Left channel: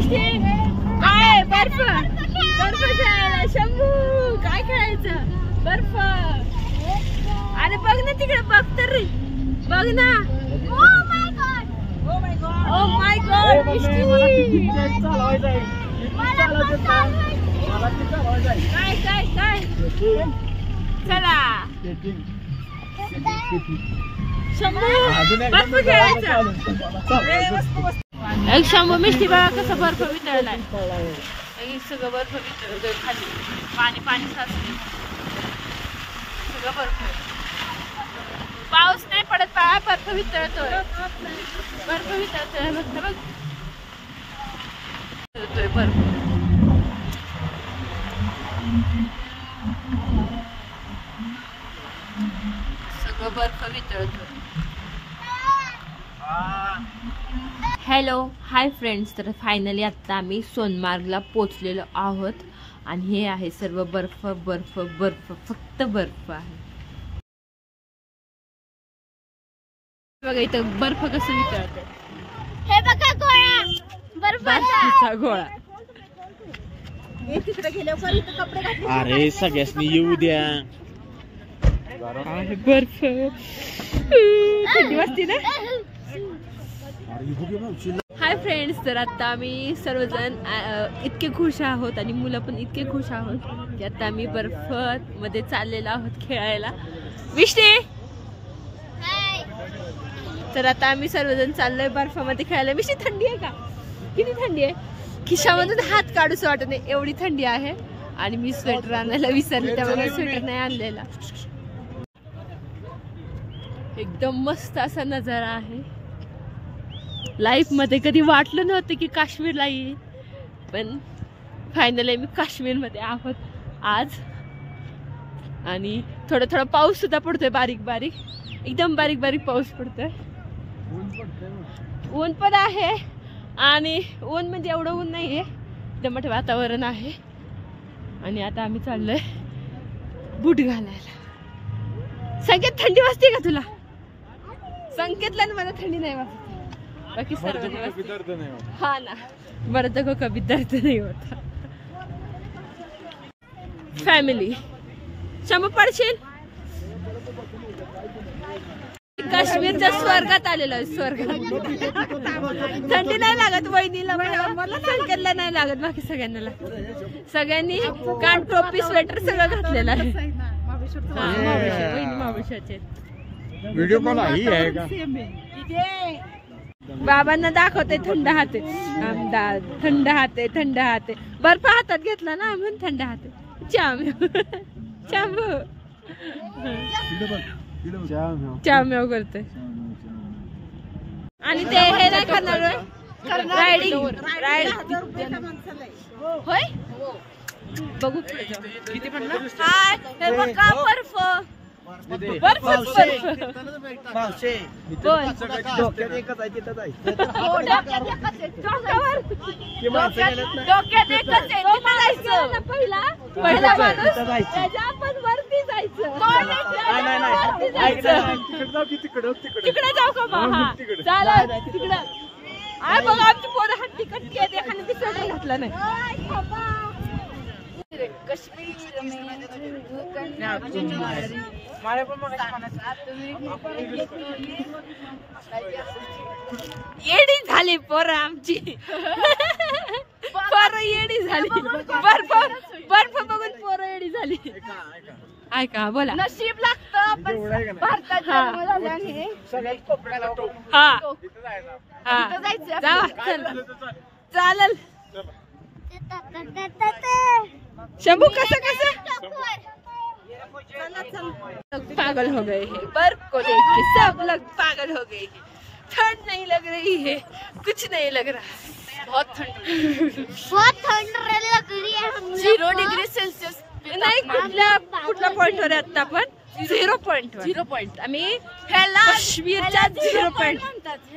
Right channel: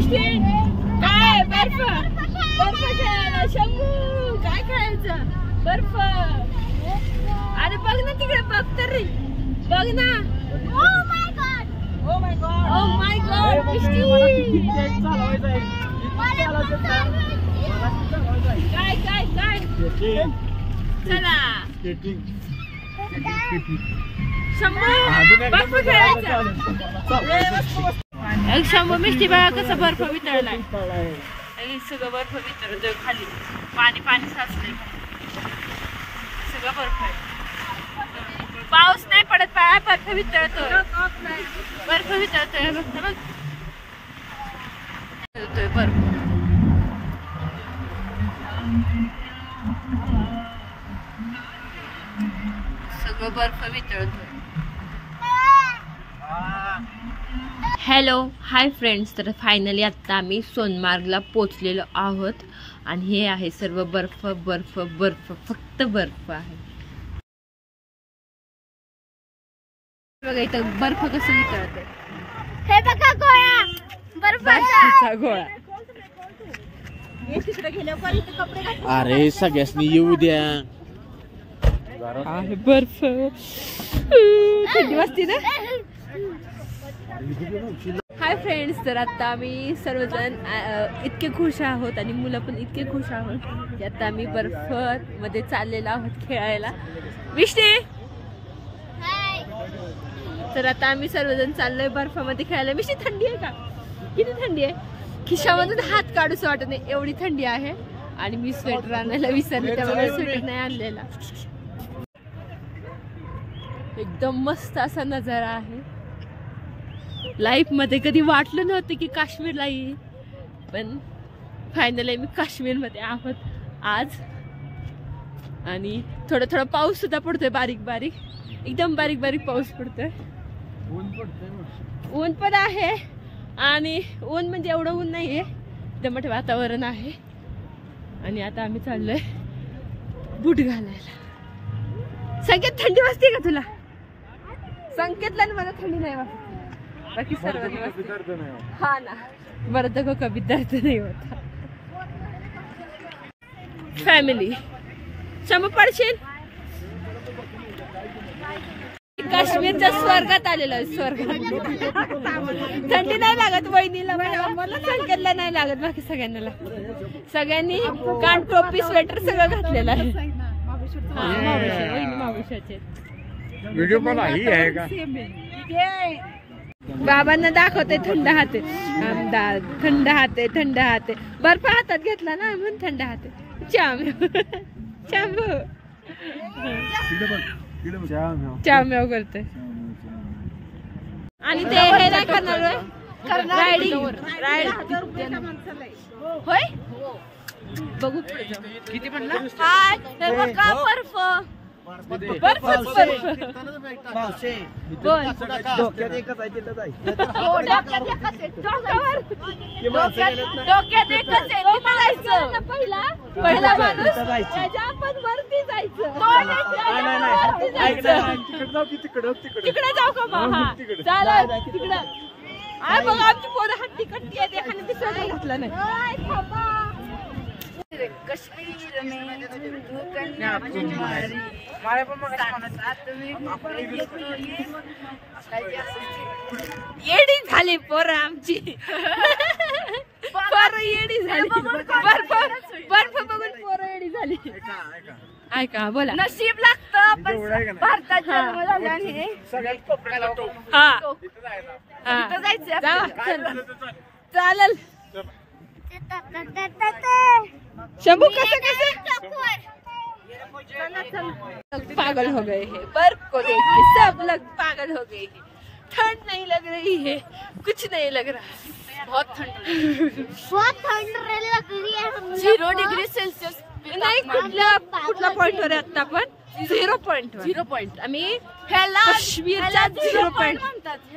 काय बर्फ बर्फ खेळायला शंभू काय खेळायचं बर्फ अरे बघ ना तिकडे बघ तर बघ ना ओ माय गॉड काय काय काय चला शंभू बर्फ खेळायचा एक शंभू मिष्टी बघा कसं बर्फ वितळलाय सगळं बर्फ वितळतोय खाली पाणी पाणी साचलंय सगळं बर्फ आहे पाऊस नाही पडत पाया बर्फ वितळतोय बर्फ वितळतोय बघ बघ बर्फ सगळं बर्फ वितळतोय हॅलो हाय फ्रेंड्स तर फायनली आता आम्ही सोनमार्गला पोचलेलो आहोत आणि हे आहे सर्व बर्फ बर्फ बर्फ फक्त बर्फ आहे बघा इथं बर्फ कसं वितळतंय हे बघा गोळा बर्फाचा गोळा अरे सगळ्यांनी येऊ द्या आहे बर्फ थंडी वाजते ना हाय फ्रेंड्स तर आता आम्ही सर्वजण इतके खुश आहोत आणि मुलं पण इतके खुश आहोत की आता आम्ही बर्फ मध्ये चाललेलो आहोत खेळायला विष्णे तर आता आम्ही सर्वजण चाललोय बर्फामध्ये खेळायला विष्णे थंडी आहे का किती थंडी आहे खिशामधून हात काढूच वाटत नाही एवढी थंडी आहे आणि मी स्वेटर आणायला विसरले त्यामुळे स्वेटर नाही आणलेला एकदम मस्त असा नजारा आहे लाईफ मध्ये कधी वाटलं नव्हतं की काश्मीरला येईल पण फायनली मी काश्मीर मध्ये आहोत आज आणि थोडा थोडा पाऊस सुद्धा पडतोय बारीक बारीक एकदम बारीक बारीक पाऊस पडतोय ऊन पण आहे आणि ऊन म्हणजे एवढं ऊन नाहीये दमट वातावरण आहे आणि आता आम्ही चाललोय बूट घालायला संकेत थंडी वाजते का तुला संकेतला मला थंडी नाही वाजत बाकी सर्व हा ना मर्द को कभी दर्द नहीं होता फॅमिली शंभू पडशील काश्मीरच्या स्वर्गात आलेला आहे स्वर्गात थंडी नाही लागत वहिनीला मला संकेतला नाही लागत बाकी सगळ्यांना लागत सगळ्यांनी कान टोपी स्वेटर सगळं घातलेलं आहे मावशाचे व्हिडिओ कॉल आहे का बाबांना दाखवते थंड हाते थंड हाते थंड हाते बर्फ हातात घेतला ना म्हणून थंड हाते चाम्याव करते आणि ते हे नाही करणार होय बघू किती म्हणला हा बघा बर्फ तिकडे जाऊ का बघा आमची पोरं हट्टी कट्टी आहे एखादी दिसत घातलं नाही कश्मीर में येडी झाली पोरं आमची पोरं येडी झाली बर्फ बर्फ बघून पोरं येडी झाली ऐका बोला नशीब लागतं हा हा चालेल शंभू कसं कसं पागल हो गए हैं बर्फ को देख के सब लोग पागल हो गए ठंड नहीं लग रही है कुछ नहीं लग रहा बहुत ठंड लग रही है 0 डिग्री सेल्सियस नाही कुठल्या पॉइंट वर आता आपण 0 पॉइंट आम्ही काश्मीरच्या 0 पॉइंट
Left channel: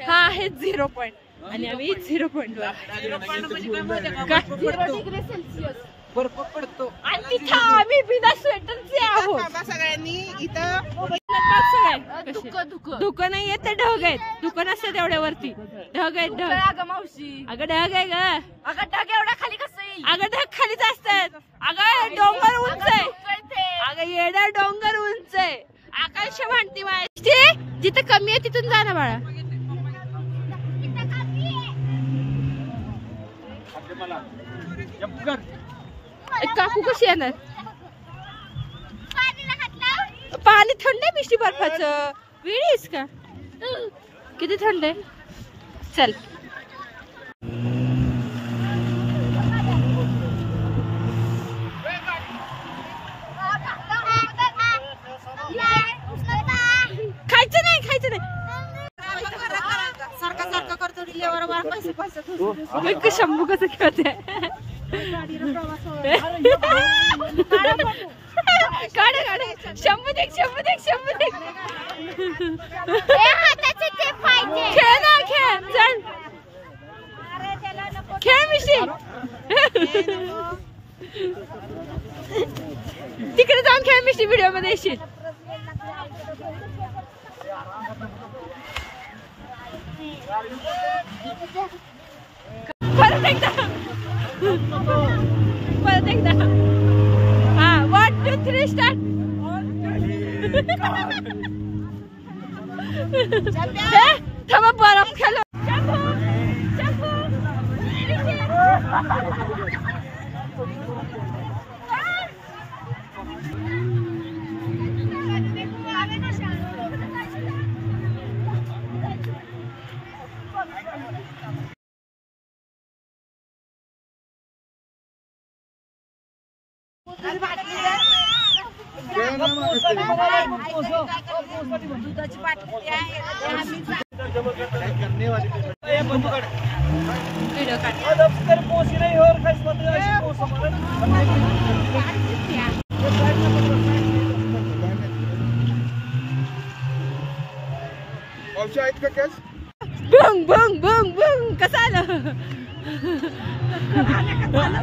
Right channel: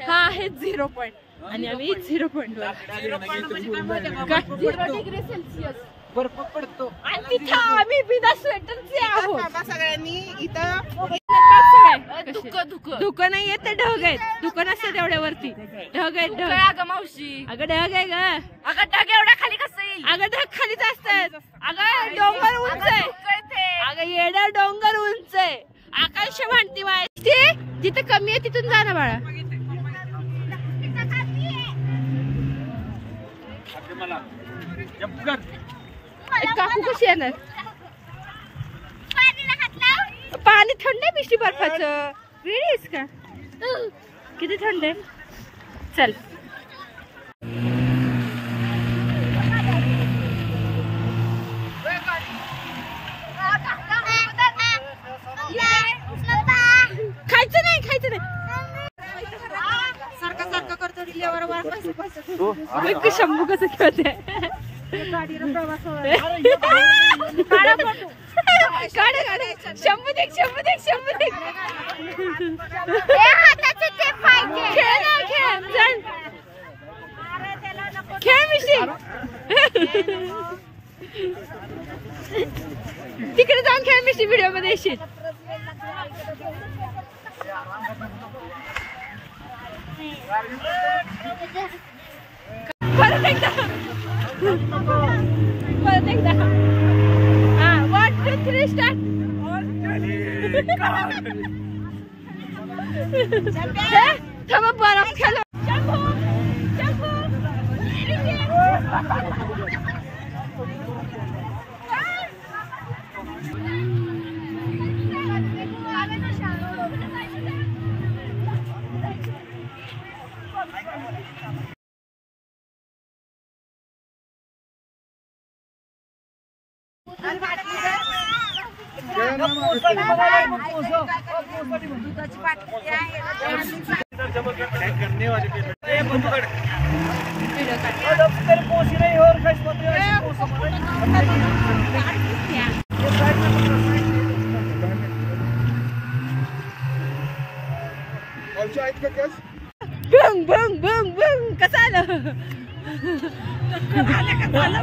हा हे 0 पॉइंट आणि आम्ही 0 पॉइंट वर 0 डिग्री सेल्सियस बर्फ पडतो आणि तिथे आम्ही बिना स्वेटरचे आहोत सगळ्यांनी इथं धुकं नाहीये ते ढग आहेत. धुकं नसतं तेवढ्या वरती. ढग आहेत ढग. अगं ढग आहे ग. अगं ढग एवढ्या खाली कसं येईल? अगं ढग खालीच असतात. अगं डोंगर उंच आहे. अगं येडा डोंगर उंच आहे. आकाश म्हणती माहिती जिथं कमी आहे तिथून जा ना बाळा. काकू कशी येणार? पाणी थंड आहे मिष्टी बर्फाचं. वेळीस का किती थंड आहे. चल खायचं नाही खायचं नाही. शंभू कसं खेळते. काढ काढ. शंभू देख शंभू देख शंभू देख. खेळ ना खेळ. चल खेळ मिशी. तिकडे जाऊन खेळ मिशी. व्हिडिओ मध्ये येशील. परत एकदा परत एकदा. हा 1 2 3 स्टार्ट. थांबा बरफ खेळलो. बंग बंग बंग बंग. कसं आलं?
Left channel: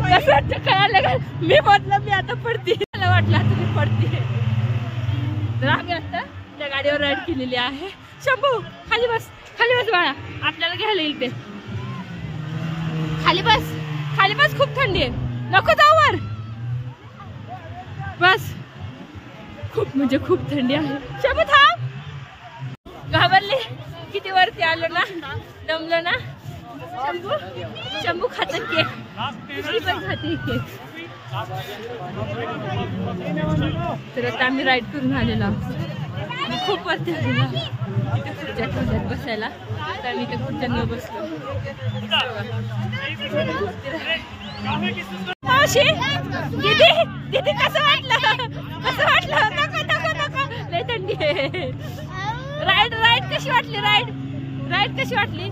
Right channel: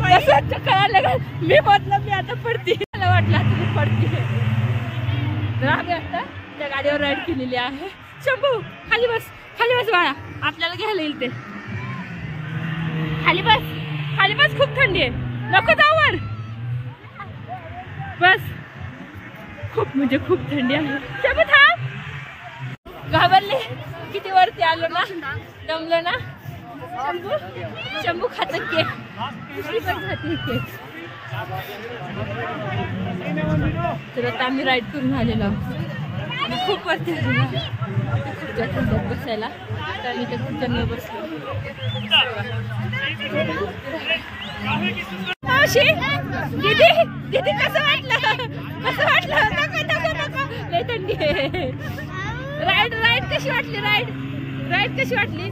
कसं कळालं का? मी म्हटलं मी आता पडते. मला वाटलं आता मी पडते. तर आम्ही आता त्या गाडीवर राईड केलेली आहे. शंभू खाली बस. खाली बस बाळा. आपल्याला घ्यायला येईल ते. खाली बस. खाली बस. खूप थंडी आहे. नको जाऊ वर. बस. खूप म्हणजे खूप थंडी आहे. शंभू थांब. घाबरले. किती वरती आलो ना. दमलो ना. शंभू शंभू खातं केक. दुसरी पण खाते केक. तर आता आम्ही राईड करून आलेलो आणि खूप वरती आलेलो. खुर्च्या ठेवल्यात बसायला. तर आम्ही त्या खुर्च्यांवर बसलो. मावशी दीदी दीदी कसं वाटलं? कसं वाटलं? नको नको नको. लय थंडी आहे. राईड राईड कशी वाटली? राईड राईड कशी वाटली?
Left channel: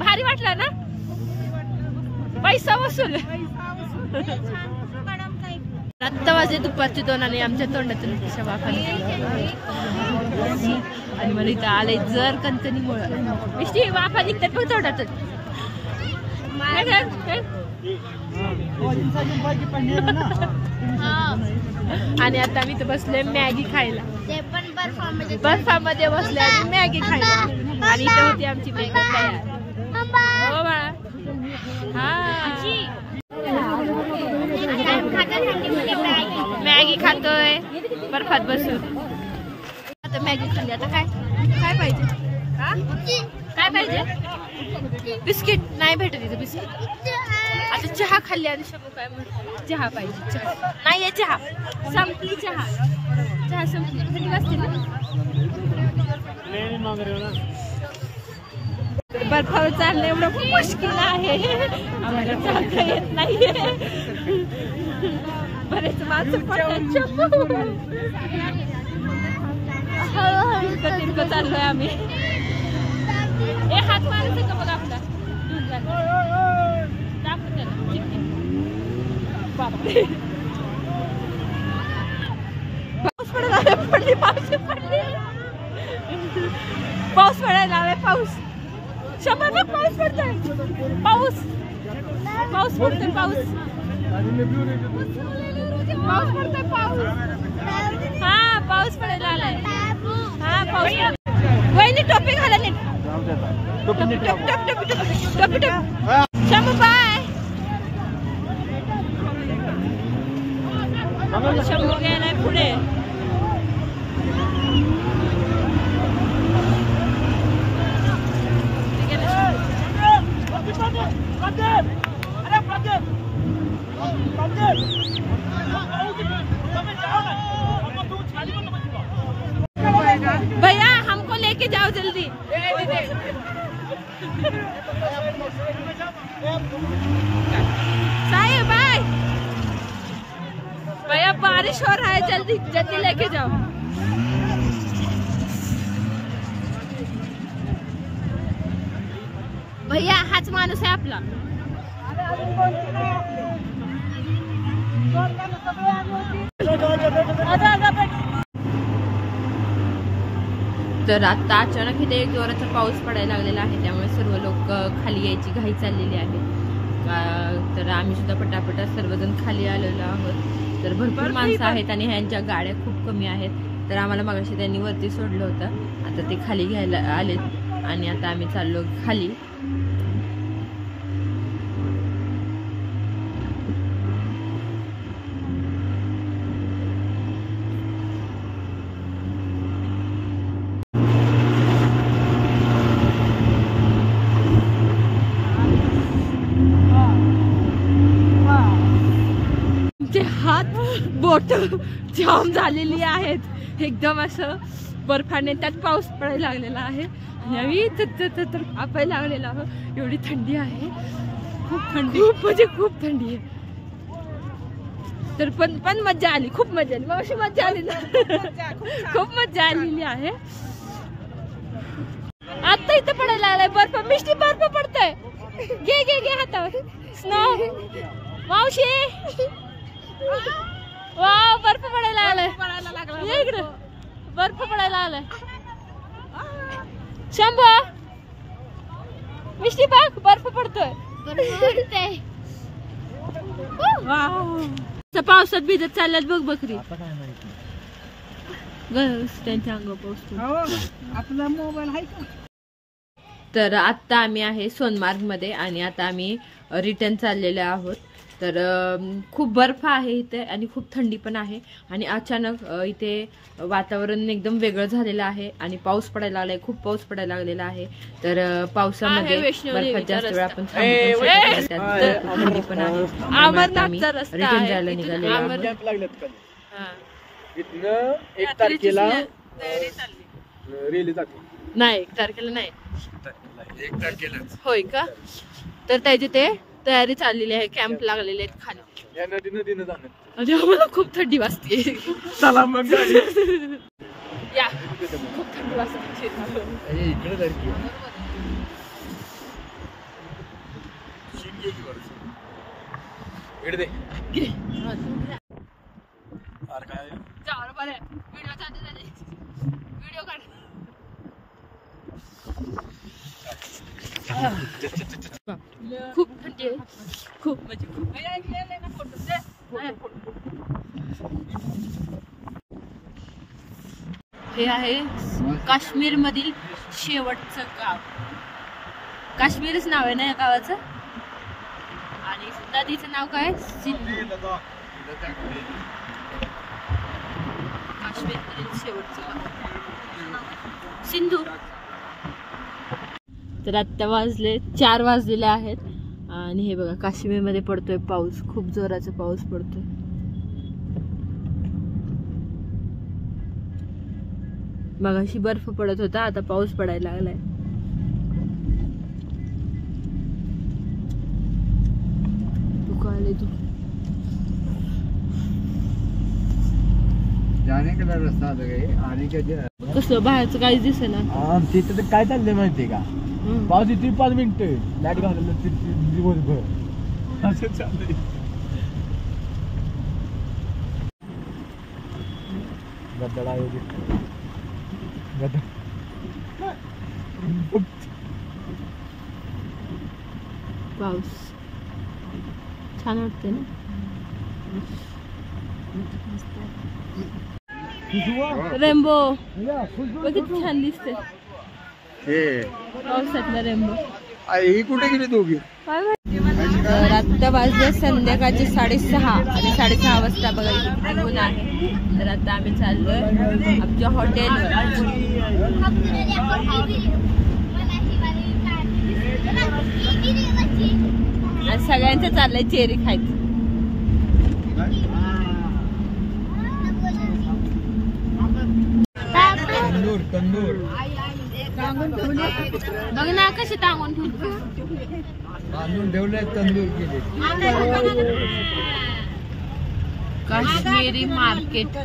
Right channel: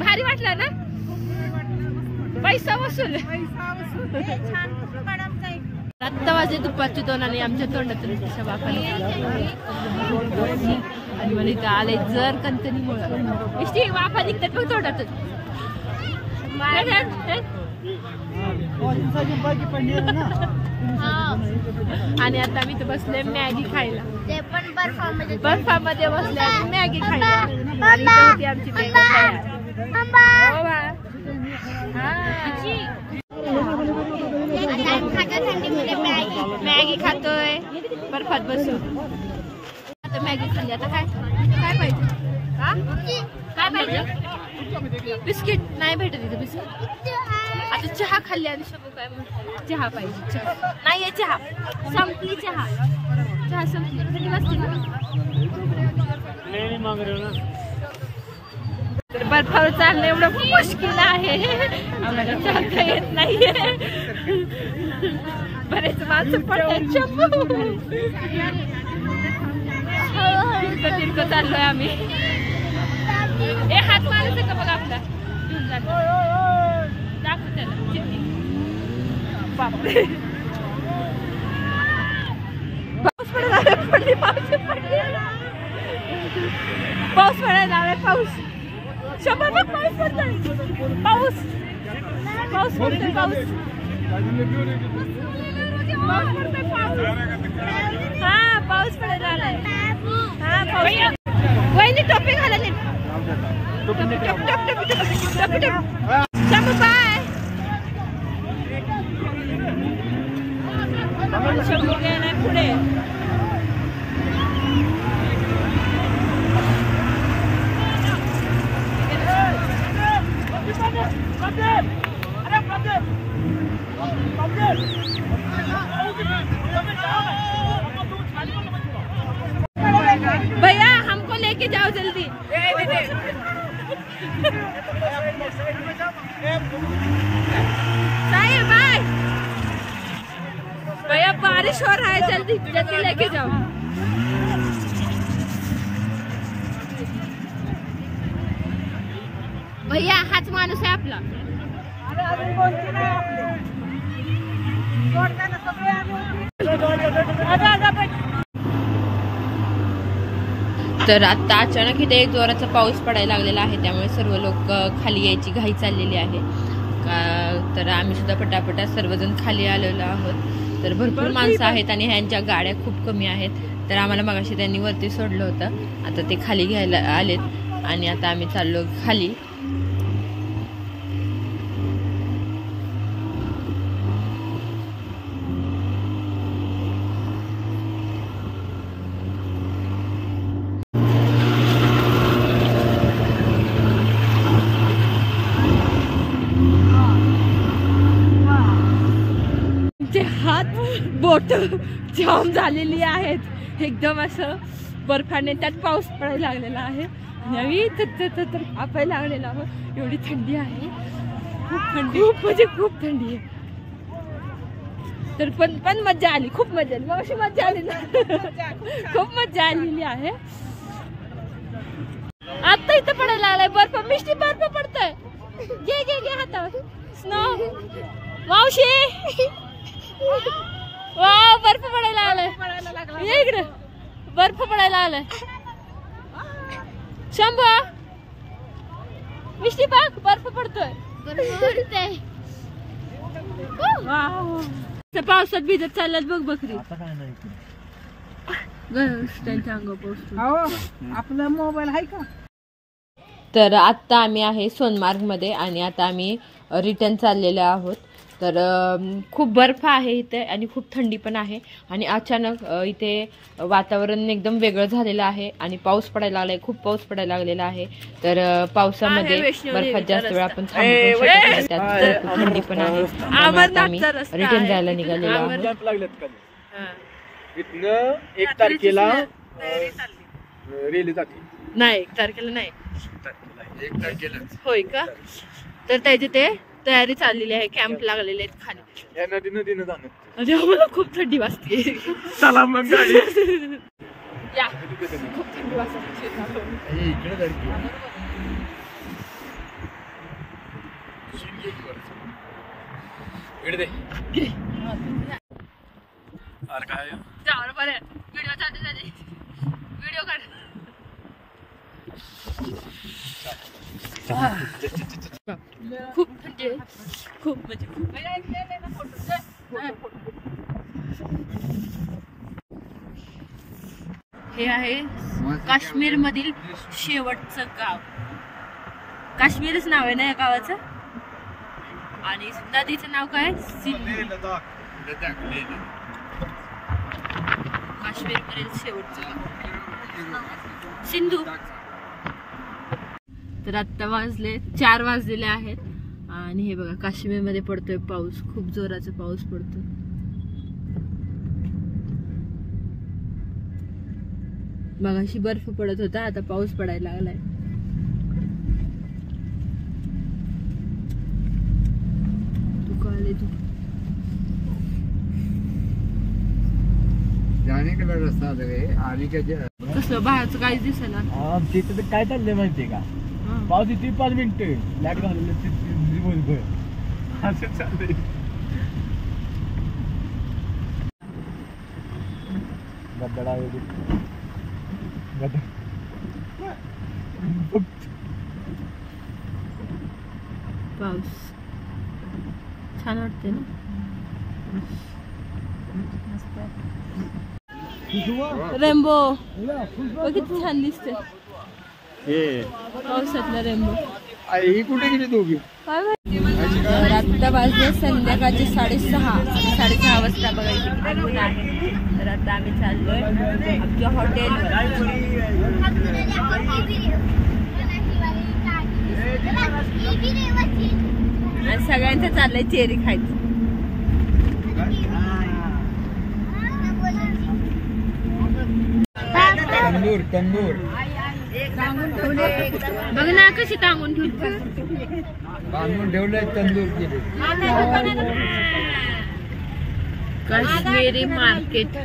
भारी वाटला ना? पैसा वसूल. आत्ता वाजले दुपारचे 2 आणि आमच्या तोंडातून कशा वाखाने. आणि मला इथं आलंय जर कणकणीमुळे. मिष्टी वाफा निघतात बघ तोंडातून. आणि आता मी इथं बसलोय मॅगी खायला. बर्फामध्ये बसलोय आणि मॅगी खायला. आणि इथं होती आमची मॅगी तयार. हो बा. हा मॅगी खातोय बर्फात बसून. आता मॅगी खाल्ली. आता काय काय पाहिजे? काय पाहिजे? बिस्किट नाही भेटत इथे बिस्किट. आता चहा खाल्ली आणि शंभू काय म्हणतो? चहा पाहिजे. चहा नाहीये. चहा संपली. चहा चहा संपली. तर बर्फावर चालणं एवढं खूप मुश्किल आहे. आम्हाला चालता येत नाहीये. बरेच माणसं पडतात. शंभू तिरकं चाललोय आम्ही. ए हात मारायचं का बघा आपला. दाखव त्याला. बापरे पाऊस पडायला पडली. पाऊस पडली. पाऊस पडायला हवे. पाऊस. शंभर बघ पाऊस पडतोय. पाऊस पाऊस पडतोय. पाऊस पाऊस पडतोय. पाऊस. हा पाऊस पडायला आलाय. हा पाऊस. वहिनी टोपी घाला नीट. टोपी टोपी टोपी टोपी टोपी टोपी. शंभू बाय. शंभू गेलाय पुढे. भैया हमको लेके जाओ जल्दी. साहिब बाय. भैया बारिश हो रहा है, जल्दी जल्दी लेके जाओ. भैया हाच माणूस आहे आपला. तर आता अचानक इथे एक जोराचा पाऊस पडायला लागलेला आहे, त्यामुळे सर्व लोक खाली यायची घाई चाललेली आहे. तर आम्ही सुद्धा पटापटा सर्वजण खाली आलेलो आहोत. तर भरपूर माणसं आहेत आणि ह्यांच्या गाड्या खूप कमी आहेत. तर आम्हाला मगाशी त्यांनी वरती सोडलं होतं, आता ते खाली घ्यायला आलेत आणि आता आम्ही चाललो खाली. हात बोट जाम झालेली आहेत, एकदम असं बर्फाने. त्यात पाऊस पडायला लागलेला आहे आणि तर कापायला लागलेला आहे. एवढी थंडी आहे, खूप थंडी, खूप म्हणजे खूप थंडी आहे. तर पण मजा आली, खूप मजा आली. मग अशी मजा आली ना, खूप मजा आलेली आहे. आता इथं पडायला लागलाय बर्फ. मिष्टी बर्फ पडतंय. घे घे घे हातावर. मावशी वा बर्फ पडायला आलाय. इकडे बर्फ पडायला आलाय. शंभू मिष्टी बघ बर्फ पडतोय. पावसात भिजत चालल्यात बघ बकरी. त्यांच्या अंगावर पाऊस. आपला मोबाईल आहे का? तर आता आम्ही आहे सोनमार्ग मध्ये आणि आता आम्ही रिटर्न चाललेलो आहोत. तर खूप बर्फ आहे इथे आणि खूप थंडी पण आहे आणि अचानक इथे वातावरण एकदम वेगळं झालेलं आहे आणि पाऊस पडायला लागलाय, खूप पाऊस पडायला लागलेला आहे. तर पावसामध्ये बर्फात जास्त वेळ आपण थांबू पण शकत नाही, त्यात खूप थंडी पण आहे. आम्ही रिटर्न जायला निघालेलो आहोत. 1 तारखेला रेल्वे जाते. नाही 1 तारखेला नाही, 1 तारखेला होय का? तर त्याची ते तयारी चाललेली आहे, कॅम्प लागलेले आहेत खाली. या नदीनं जाणं आणि आम्हाला खूप थंडी वाजते. चला मग या खूप थंडी वाजते. व्हिडिओ चालते, व्हिडिओ काढ. खूप म्हणजे खूप म्हणजे हे आहे काश्मीर मधील शेवटचं गाव. काश्मीरच नाव आहे ना या गावाचं. आणि नदीचं नाव काय? काश्मीर मधील शेवटचं गाव सिंधू. तर आता वाजले 4 वाजलेले आहेत आणि हे बघा काश्मीर मध्ये पडतोय पाऊस, खूप जोराचा पाऊस पडतोय. मगाशी बर्फ पडत होता, आता पाऊस पडायला लागलाय. तू का आले? तू जाने का रस्ता आणि कसलं बाहेरचं काहीच दिसेना. तिथे तर काय चाललंय माहितीये का? पाऊस येते 5 मिनिटं लाईट घालवलं दिवसभर असं चाललंय. गड्डा पाऊस छान वाटते ना. रेनबो बघ किती छान दिसते पावसातला रेनबो. ही कुठे गेली दोघी? तर आता वाजले संध्याकाळचे 6:30. 6:30 वाजता बघा इथे किती ऊन आहे. तर आता आम्ही चाललोय आमच्या हॉटेलवर. आणि सगळ्यांचं चाललंय चेरी खायचं. तंदूर तंदूर बघ ना कशी टांगून ठेवली. बांधून ठेवलंय तंदूर केले. काश्मीरी मार्केट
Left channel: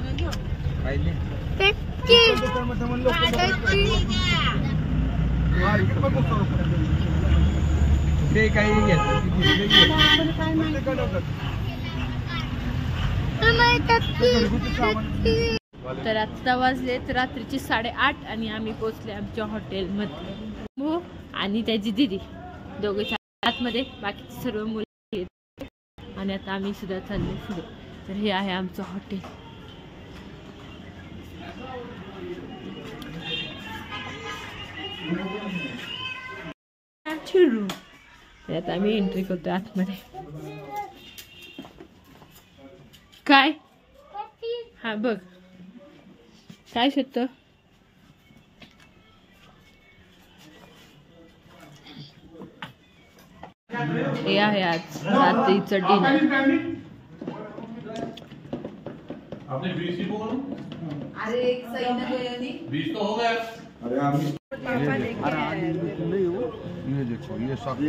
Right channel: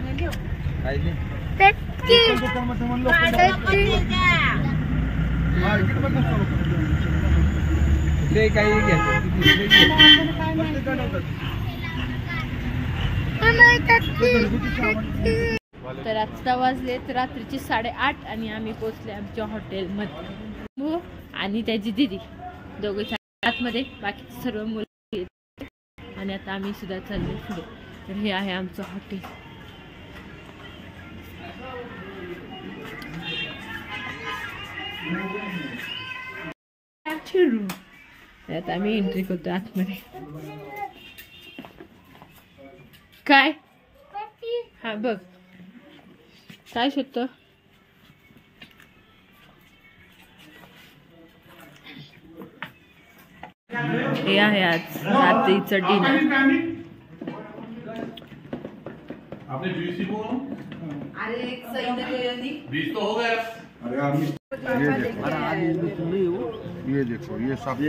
ते काही तर आता वाजलेत रात्रीचे 8:30 आणि आम्ही पोहोचले आमच्या हॉटेलमध्ये. आणि त्याची दिदी दोघे आतमध्ये, बाकीचे सर्व मुलं. आणि आता आम्ही सुद्धा चालले पुढे. तर हे आहे आमचं हॉटेल. आता आम्ही एंट्री करतो आतमध्ये. काय हा बघ काय शोधत. हे आहे आज रात्रीचं डिनर. ये देखो ये सब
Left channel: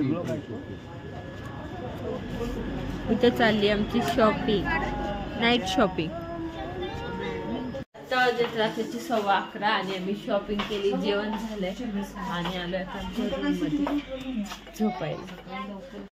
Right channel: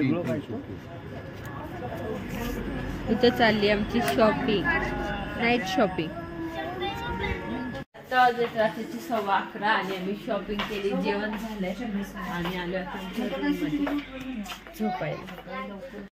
इथं चालली आमची शॉपिंग, नाईट शॉपिंग. रात्रीची 11:15 आणि आम्ही शॉपिंग केली, जेवण झालंय आणि आलो आता आमच्या रूममध्ये झोपायला.